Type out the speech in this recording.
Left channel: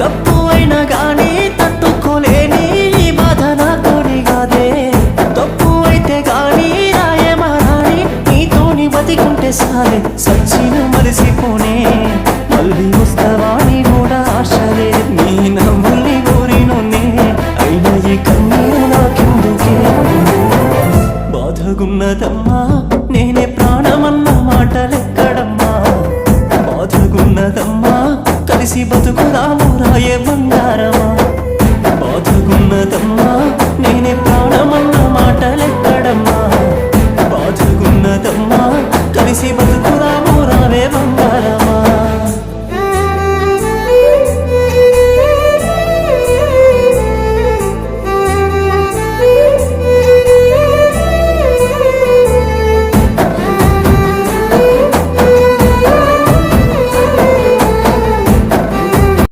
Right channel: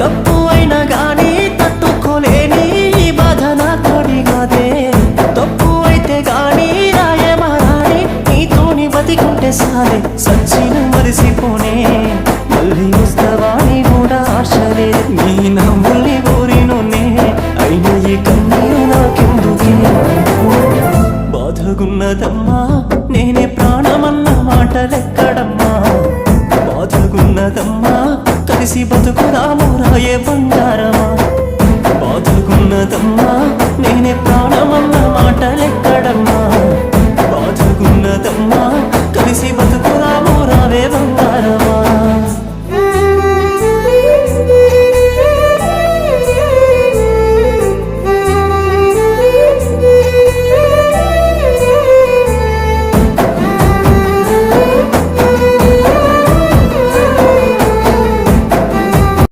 తప్పు అయినా గానీ తట్టుకోలేని ఈ బాధ నాతోని కాదే. తప్పు అయితే గానీ రాయమారాని నీతోని బతికుంటే సాలే. సచ్చిన మరిసిపోనే మళ్ళీ వస్తావాని కూడా ఆశ లేదు. నీ నవ్వుల్ని కోరినోనే అయినా ఈ కన్నీరు నాకెందుకే. బాధగున్నదమ్మా నేనే ప్రాణమన్న మాటలెక్కడమ్మా. బాధగున్నదమ్మా కలిసి బతుకుదాము రాయే బంగారమా. బాధగున్నదమ్మా నేనే ప్రాణమన్న మాటలెక్కడమ్మా. బాధగున్నదమ్మా కలిసి బతుకుదాము రావే బంగారమా.